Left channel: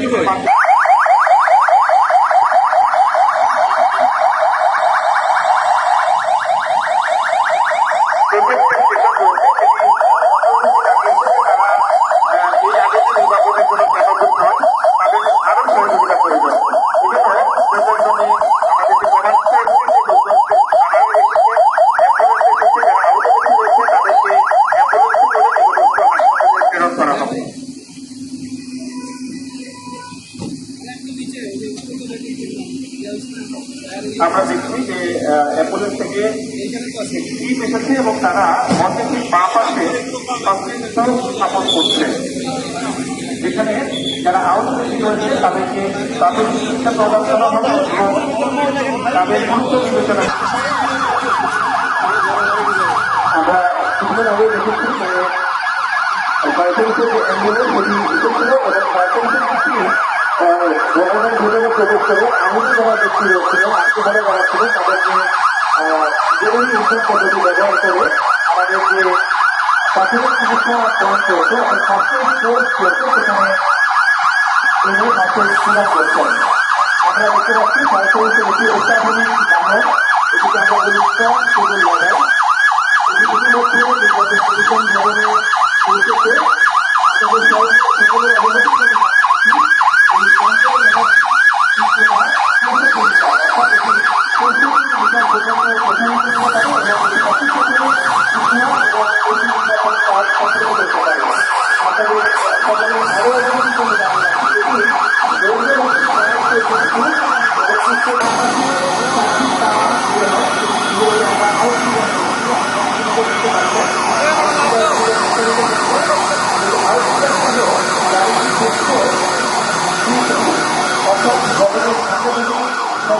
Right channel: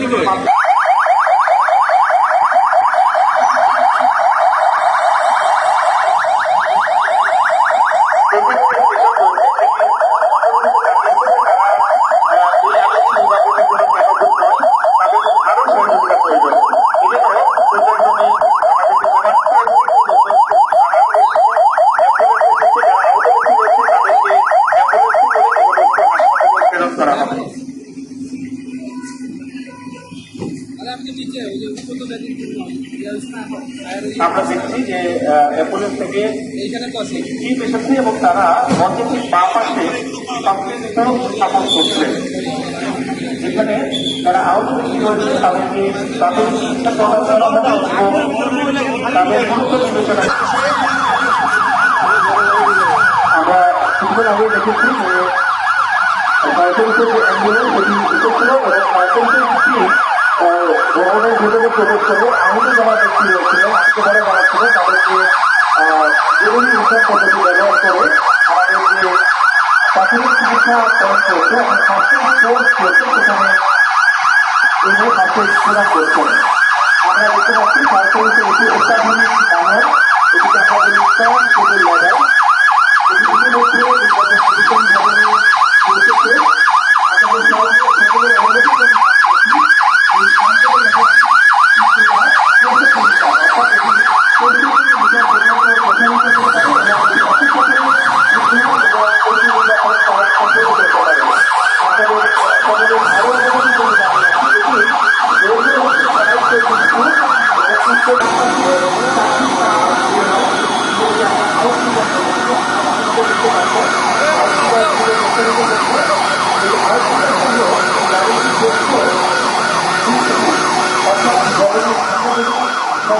তিনি প্রত্যেকটা স্টেশন বলতে তিনি আরও সহযোগিতা প্রয়োজন এজন্য প্রত্যেকজনে আমাদেরকে জানাচ্ছে প্রেরণ করা হবে আমরা দেখছি যে অ্যাম্বুলেন্স থেকে টিম এসেছে এবং তারা মঞ্চের পা পাশে সংশ্লিষ্ট স্থাপন করছে যেখানে যারা আহত ব্যক্তি রয়েছে তাদেরকে প্রাথমিক চিকিৎসা প্রদান করা হবে এবং তাদের গুরুত্ব বিবেচনা আমরা কিছুদিন আগে দেখেছি যে কয়েকজনকে যে অ্যাম্বুলেন্স সেটি এসেছিল এবং কয়েকজনকে একটি ভবনের ভেতরে প্রবেশ করে আহত যারা ব্যক্তি রয়েছিলেন হাসপাতালে যারা ছিলেন তাদেরকে বিভিন্ন উদ্ধার পদ্ধতি ব্যবহার করে আমাদের যে প্রাথমিক চিকিৎসা প্রদান করেছে। এবং স্বাস্থ্য কোর্স করছে সেখানে তিনি তাকে সেবা করছেন আমরা দেখতে পাচ্ছি সরকারি এটি অত্যাধুনিক বাহন এটিকে আমরা বলি স্ট্রং টেবিল লড়াই এটি ইতিমধ্যে বিগত পরিশ্রম ভবনে পৌঁছেছে আপনাদের সবাই সকলের অবগত এই সংকটের সমতল করে জায়গা না থাকে তাহলে এই গাড়িটি কিন্তু অপারেশন করতে হবে এবং অবশ্যই আমরা সকলকে অনুরোধ করি তাতে করে এগুলো যেহেতু ভ্রমণ করব অবশ্যই যখন ভ্রমণ থাকে এই পরিমাণ জায়গা এই গাড়িটি কতটা সরকারি গাড়িতে গাড়ি গাড়ি যদি সঠিকভাবে স্থাপন করা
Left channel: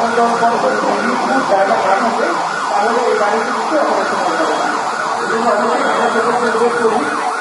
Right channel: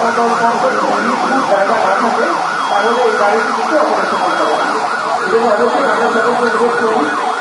না যায় তাহলে কিন্তু গাড়ি আমাদের আমাদের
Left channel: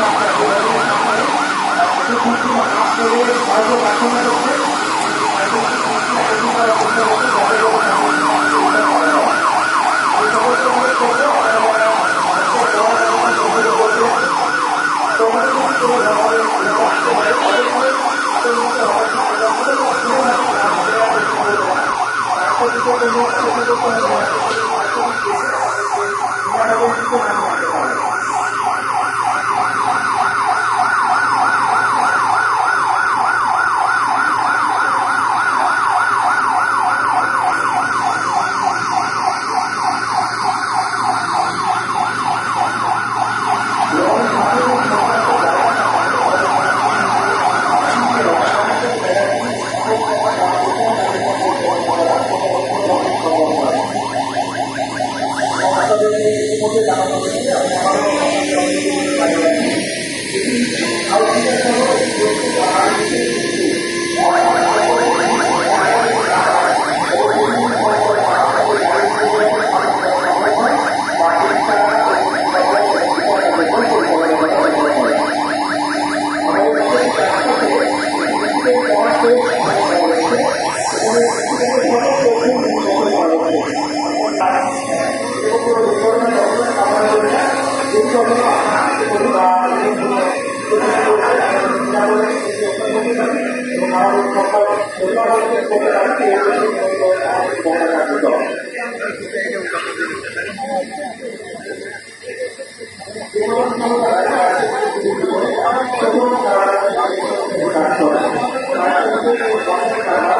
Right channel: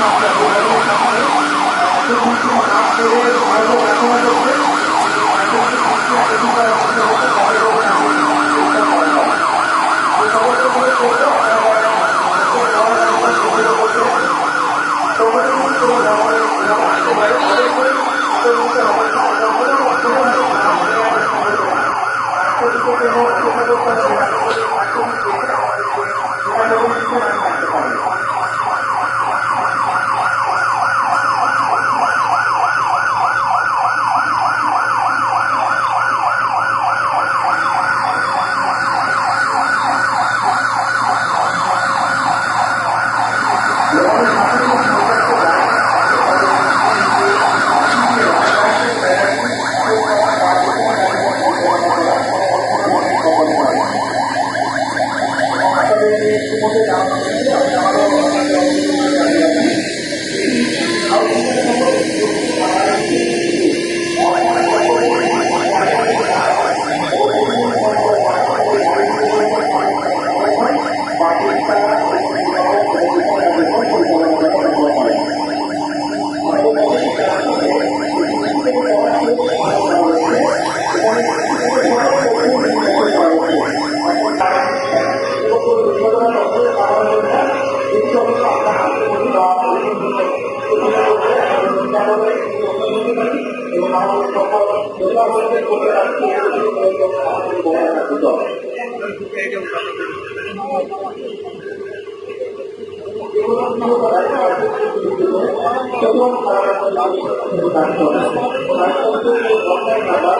সাথে আপনার যোগাযোগের কাছে এত কিছু আপনাদের ভারতে প্রার্থনা করছে এত কিছু আবেদন করার চেষ্টা করছে তাদের Thank you.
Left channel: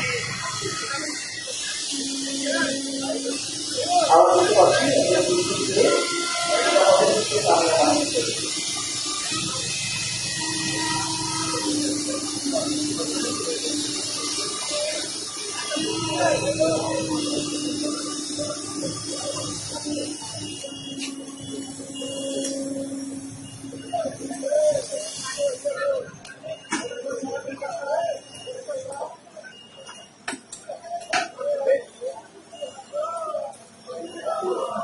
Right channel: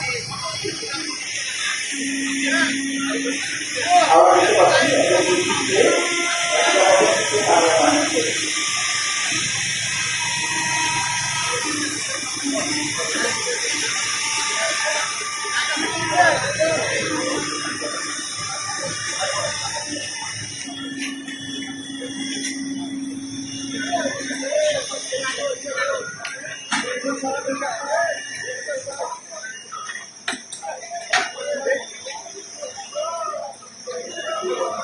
ahora esto va a ser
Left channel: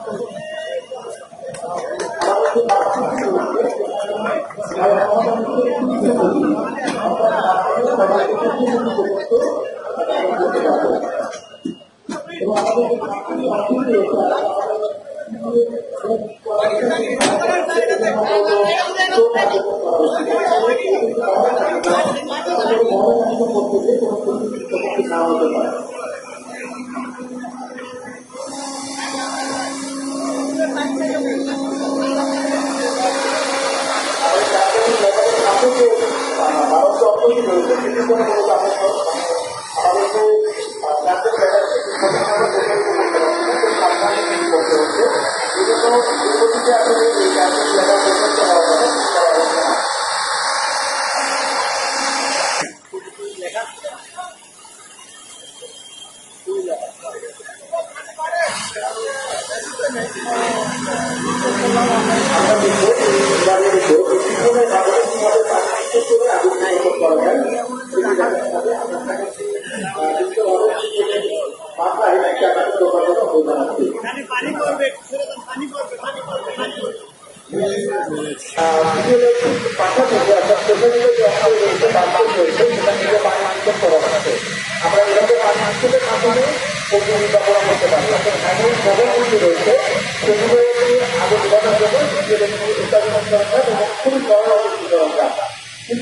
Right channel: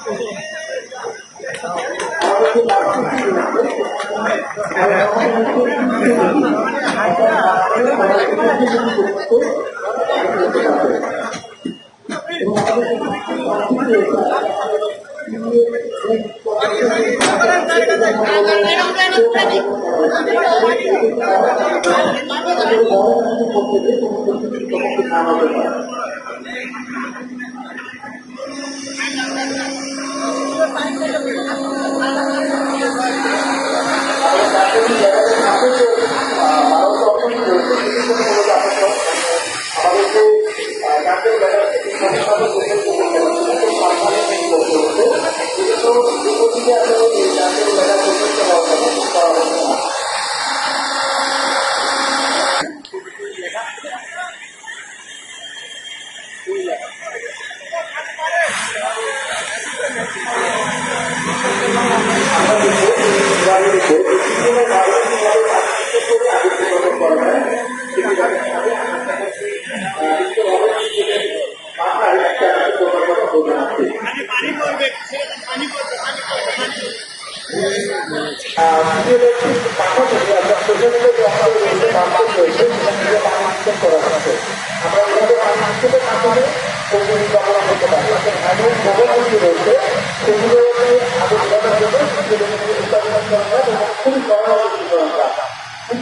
আমাদের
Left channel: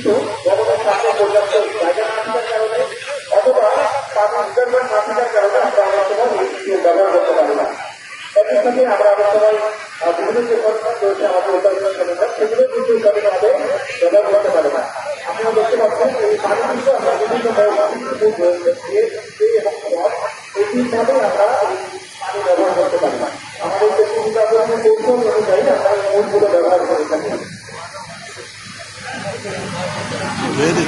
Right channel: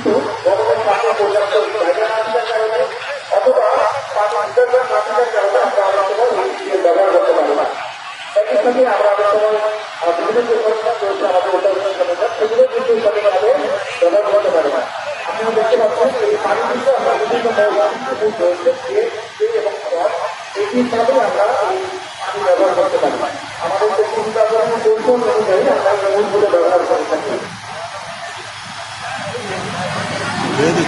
Então,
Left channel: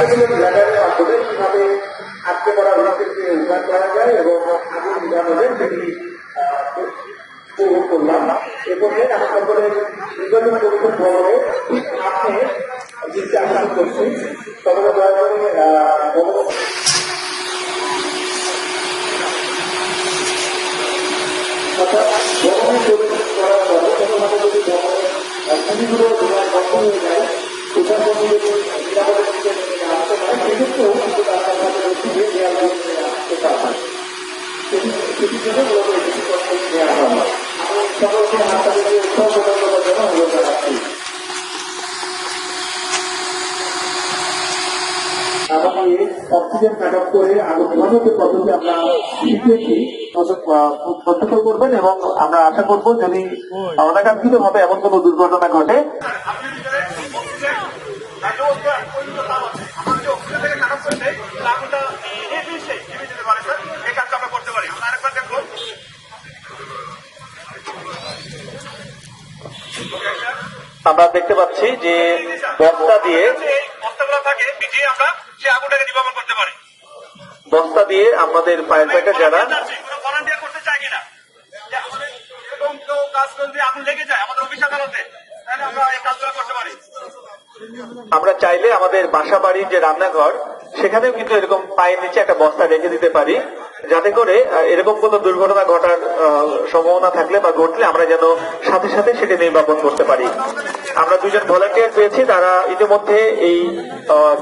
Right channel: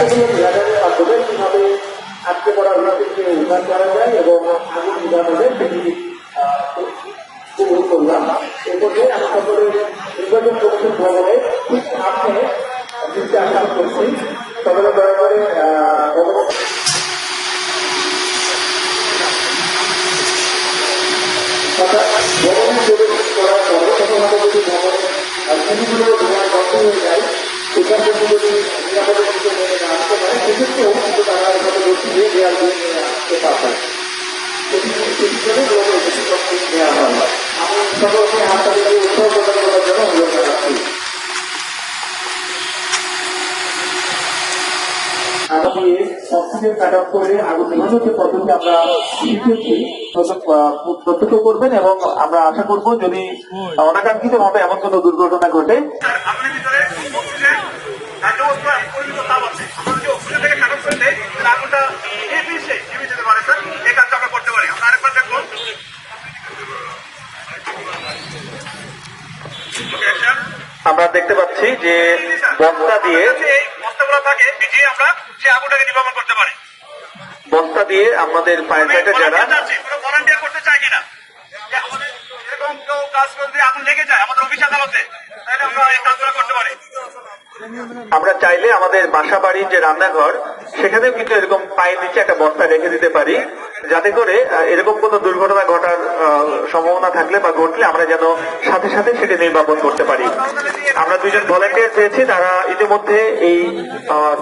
পাঠ্যক্রম ব্যাপারে মাধ্যমে কীভাবে আজকে পড়াশোনাকে উন্নয়ন করা যায় এবং আগুন নিরাপদে সেটি শুরু করি আমরা এরপরে আশা করে নির্বাচন কমিশন ভবনে ঠিক আছে বিচার কাজ করছি তবে দয়া করে ভবনের যদি করা হবে সেখানে যদি ভবনের অর্থনীতিগুলো ভবনের কষ্ট হয়ে যায় সেখানে যদি করে আমরা করবেন এবং আমরা আশা করব যদি অনাকাঙ্ক্ষিত ভাবে এমন কোনো দুর্ঘটনা ঘটে ভিতরে আমরা দেখতে পাচ্ছি যে বস্তা দিয়ে বস্তা দিয়ে আমাদের ফায়ার ফাইটার যারা আমরা চাইলে আমাদের বাসা বাড়ির যে রান্নাঘর সেখানেও কিন্তু এরকম পায়ের নিচে একটা বস্তা রেখে দিতে পারি, যাতে করে এরকম কোনো দুর্ঘটনা ঘটার সম্ভাবনা থাকলে বা ঘটলে আমরা যেন সাথে সাথে সেটা নির্বাপন করতে পারি। আমরা দুজন ভলেন্টিয়ার পেয়েছি তারা ইতিমধ্যে এই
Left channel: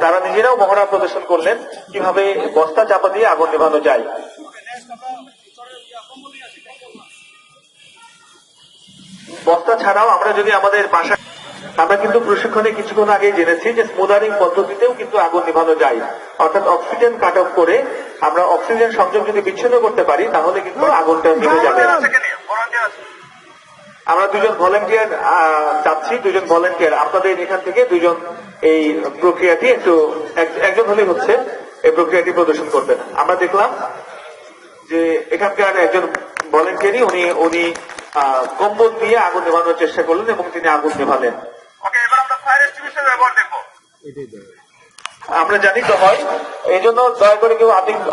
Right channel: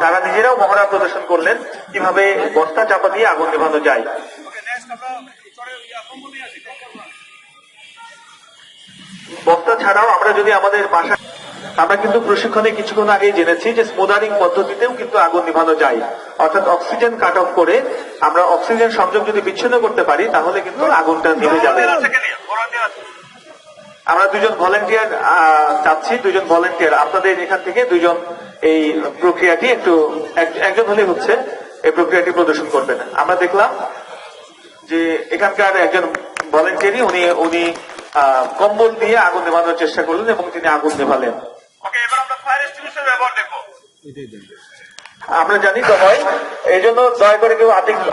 তারা নিজেরাও মহড়া প্রদর্শন করলেন, কীভাবে বস্তা চাপা দিয়ে আগুন নেভানো যায়। বস্তা ছাড়াও আমরা যদি আমাদের বাসা আমরা কিন্তু প্রশিক্ষণে কিছুক্ষণ আগে জেনেছি যে স্মুদারিং পদ্ধতিতেও কিন্তু আগুন নিভানো যায়। অর্থাৎ অক্সিজেন কাট অফ করে আমরা অক্সিজেন সংযোগ যদি বিচ্ছিন্ন করতে পারি তাহলে কিন্তু আগুনটা নিভে যাবে। আমরা দুজন ভলেন্টিয়ার চাচ্ছি দুজন ভলেন্টিয়ার আপনাদের এখান থেকে দুজন এই প্রক্রিয়াটি একটু একজন হলে হচ্ছে এই প্রক্রিয়াটি প্রদর্শন করবেন। আমরা দেখলাম যে এখানকার একজন ভলেন্টিয়ারই উনি উনি কম্বল দিয়ে আগুন নেভানোর চেষ্টা করলেন এবং তিনি আগুন নেভালেন। আমরা জানি তো হয় এই জন্য দয়া করে কেউ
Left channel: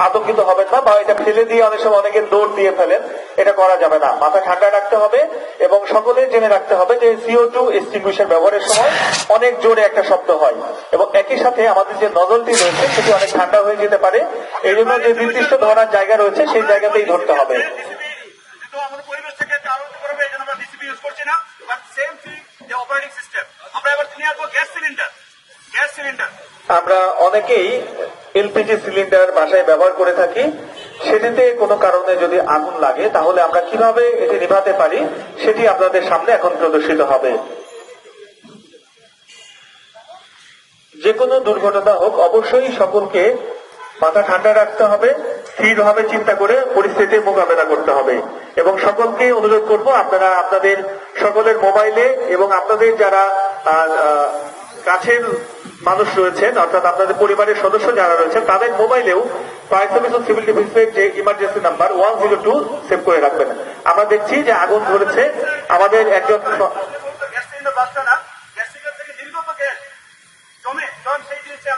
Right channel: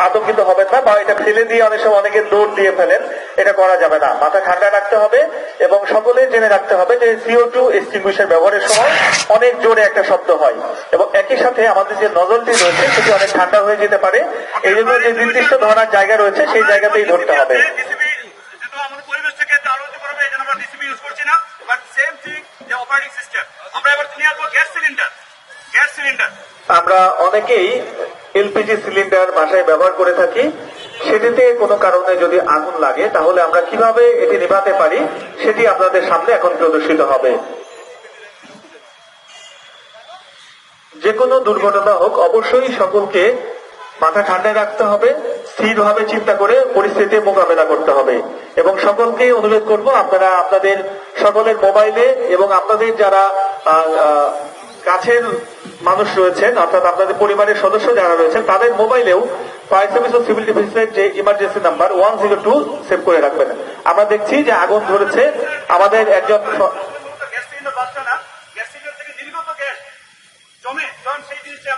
আতঙ্কিত হবেন না বা এটা ফেলে দিয়ে অনেক সময় অনেকে দৌড় দিয়ে ফেলেন এটা করা যাবে না। মাথা ঠান্ডা রাখতে হবে এবং সকলে জেনে রাখতে হবে যে সিও টু এক্সটিংগুইশার ব্যবহারের সময় অনেক জোরে একটা শব্দ হয় এবং একই সাথে আমাদের যে নজলটি রয়েছে সেটি অনেক ঠান্ডা হয়ে যেতে পারে। এই জন্য যে নির্দিষ্ট ধরার জায়গা রয়েছে সেই জায়গাতেই ধরতে হবে। অপারেটিং সিস্টেম আমরা এবার নিয়ে আসব গ্যাস সিলিন্ডার। Gas cylinder. আমরা অনেকেই এলপিজি সিলিন্ডার বাসায় ব্যবহার করে থাকি। সেটিতে কোনো কারণে যদি আগুন লাগে, তাহলে আমরা কীভাবে এটি নিভাতে পারি, সেটি আপনাদের সামনে এখন প্রদর্শিত হবে। যে কোনো দুর্ঘটনা হোক, অবশ্যই সকলকে মাথা ঠান্ডা রাখতে হবে, স্থিরভাবে চিন্তা করে পরিস্থিতির মোকাবেলা করতে হবে। এবং সকলকে অনুরোধ করব, আপনারা আপনাদের সকলের মোবাইলে এবং আপনাদের যারা কাছের মানুষ রয়েছেন, অর্থাৎ আপনাদের পরিবারের সদস্য যারা রয়েছেন, তাদের মোবাইলেও ফায়ার সার্ভিস ও সিভিল ডিফেন্সের যে emergency number one zero two save করে রাখবেন। আমরা দেখছি যে আগুন ধরেছে আমাদের একজন জমে সেই জিনিসটা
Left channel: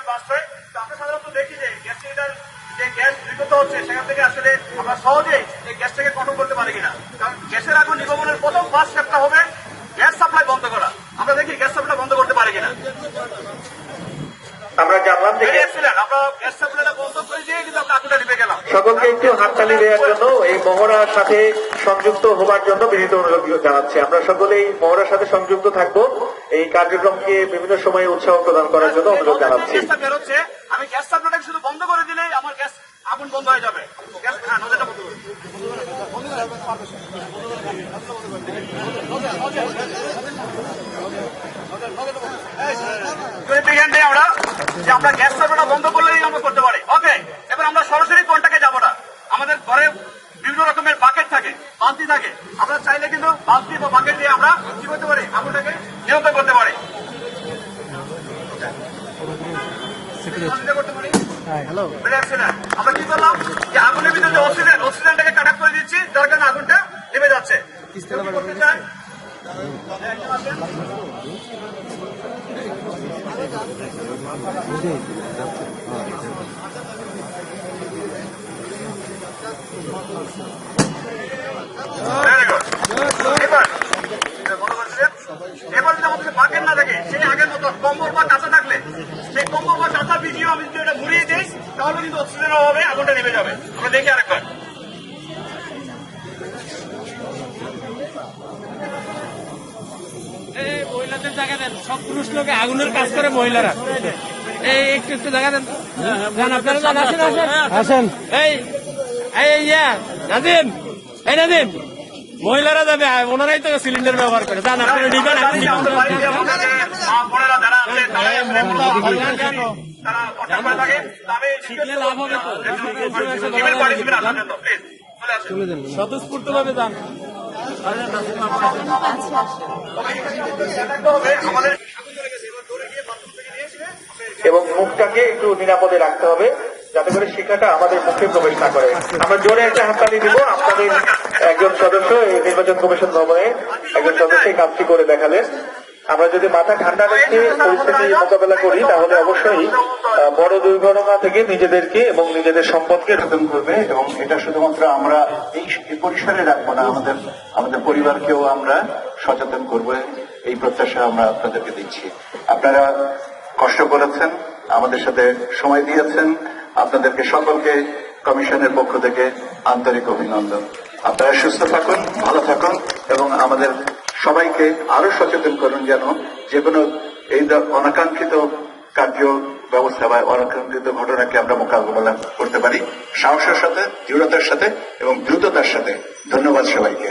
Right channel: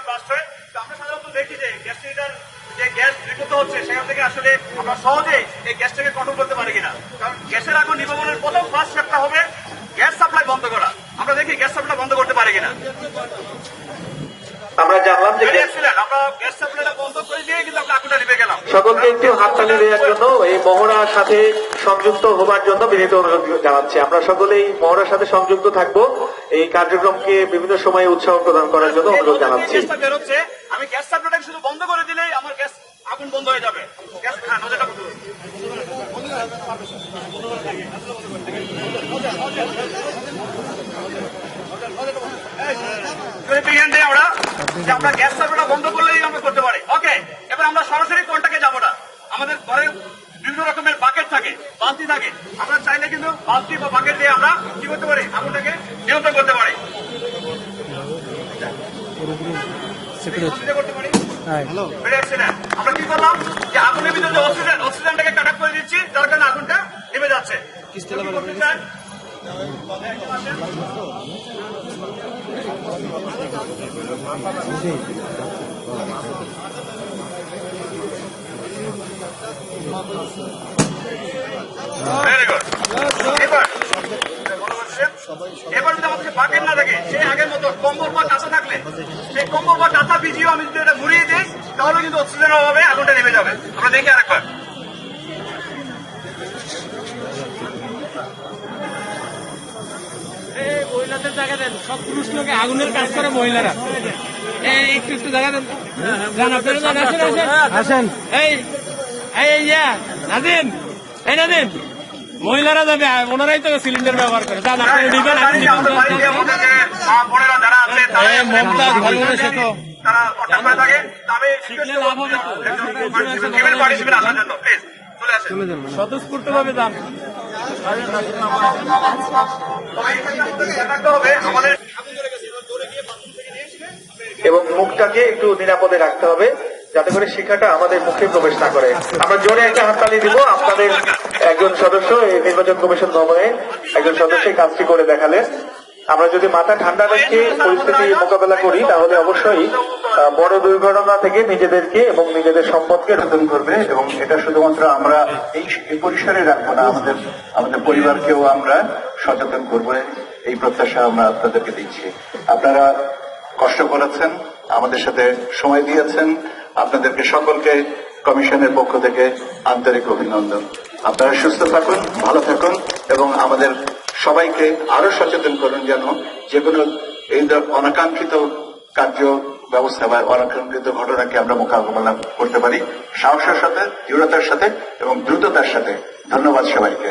সাধারণত দেখি যে গ্যাস সিলিন্ডার যে গ্যাস নির্গত হচ্ছে সেখান থেকে আসলে আমরা সহজেই এই গ্যাসটাকে কন্ট্রোল করতে পারি কিনা। কারণ গ্যাসের আগুন নির্গমনের প্রথম ফার্স্ট স্টেপটা হবে গ্যাস সাপ্লাই বন্ধ করা। আমরা দেখি গ্যাস সাপ্লাই বন্ধ করতে পারি কিনা। আমরা জানলাম যে আমরা গ্যাস সাপ্লাইটা বন্ধ করে দিয়ে কিন্তু আমরা আগুনটা নিভে গেলাম। সকলকে একটু হাততালি দেওয়ার জন্য এই মহড়ার সাথে সংযুক্ত হবার জন্য বিনীত অনুরোধ জানাচ্ছি। আমরা সকলেই মহড়ার সাথে সংযুক্ত থাকব। এই কার্যক্রমকে বিভিন্ন সময়ে উৎসাহ প্রদান করার জন্য অনুরোধ জানাচ্ছি। আমি গ্যাস সাপ্লাইটাকে শুধু বন্ধ করে দিলে আমার আগুন বন্ধ হয়ে যাবে। আমরা যে আমরা গ্যাস সাপ্লাইটা বন্ধ করলেই আমরা করতে পারি। ওকে এবার আমরা সরাসরি কোনটাকে যাব না। আমাদের ঘরে বিভিন্ন রকমের বাকেট থাকে বালতি থাকে। আমরা চাইলে কিন্তু বালতি বা বাকেট দিয়ে আমরা কি করতে পারি? আগুনটাকে নিয়ন্ত্রণ করতে পারি। করতে পারি। Excellent. আমরা কি করলাম? যে আগুনের ভিতরে যে অক্সিজেন অক্সিজেনটাকে কাট করে দিচ্ছি যার কারণে আগুনটা নেমে যাচ্ছে। কেউ কি করতে চায়? হ্যাঁ, একজন আছেন? Very good. এবার এবার হচ্ছে, এবার যদি আমাদের বাকেট না থাকে সেই আগের মতো কম্বল বা কাঁচা থাকলে সেই কম্বল বা কাঁচা ভিডিও আমি যদি এটা ঘুরিয়ে দিই তাহলে কিন্তু অক্সিজেনের অভাবে আগুনটা নেমে যাবে। আমরা দেখি আরেকবার। মহিলাদের জায়গা দেন। সব পুরুষ লোকে আগুনের কাজ করে মহিলারা। এই একটু একটু জায়গা দেন আপনারা যান, আসেন আসেন। আসেন। এই ইয়া নাদিন নাদিন মহিলারা যাবে, ওনারাই তো সিলিন্ডার ব্যবহার করে। স্বতঃস্ফূর্ত ভাবে যান এবং মুখটাকে একটু নিরাপদে রাখতে হবে, যাতে করে শিক্ষাটা আমাদের মুখে প্রবেশ না করে। আমরা জোরে একটা হাততালি দিব, আপনাদের একজন সদস্য এই নির্বাচন কমিশন ভবনে একজন সদস্য কাজটি করে দেখালেন। আমরা যদি মাথা ঠান্ডা রেখে পরিস্থিতি মোকাবেলা করি, তাহলে অবশ্যই বড় দুর্ঘটনা থেকে নিজেদেরকে এবং নিজেদের সম্পদকে সচেতন করবে এবং এটা শুধুমাত্র আমরা এই পরিসরে রাখব না, আমাদের আমাদের পরিবারকেও আমরা সচেতন করব। এই প্রত্যাশা আমরা আপনাদেরকে দিচ্ছি। আপনারা কষ্ট করেছেন, আমাদের সাথে সময় দিয়েছেন। আপনাদেরকে সকলকে কমিশনের পক্ষ থেকে আন্তরিক অভিনন্দন। আপনারা সুস্থ থাকুন, ভালো থাকুন এবং আমাদের সবাইকে আরও সচেতন করুন যেন যে কোনো এই অনাকাঙ্ক্ষিত কার্য ব্যবস্থা বা অনাকাঙ্ক্ষিত ঘটনাকে আমরা মোকাবিলা করতে পারি। সাহসের সাথে, দৃঢ়তার সাথে এবং দ্রুততার সাথে। ধন্যবাদ সবাইকে।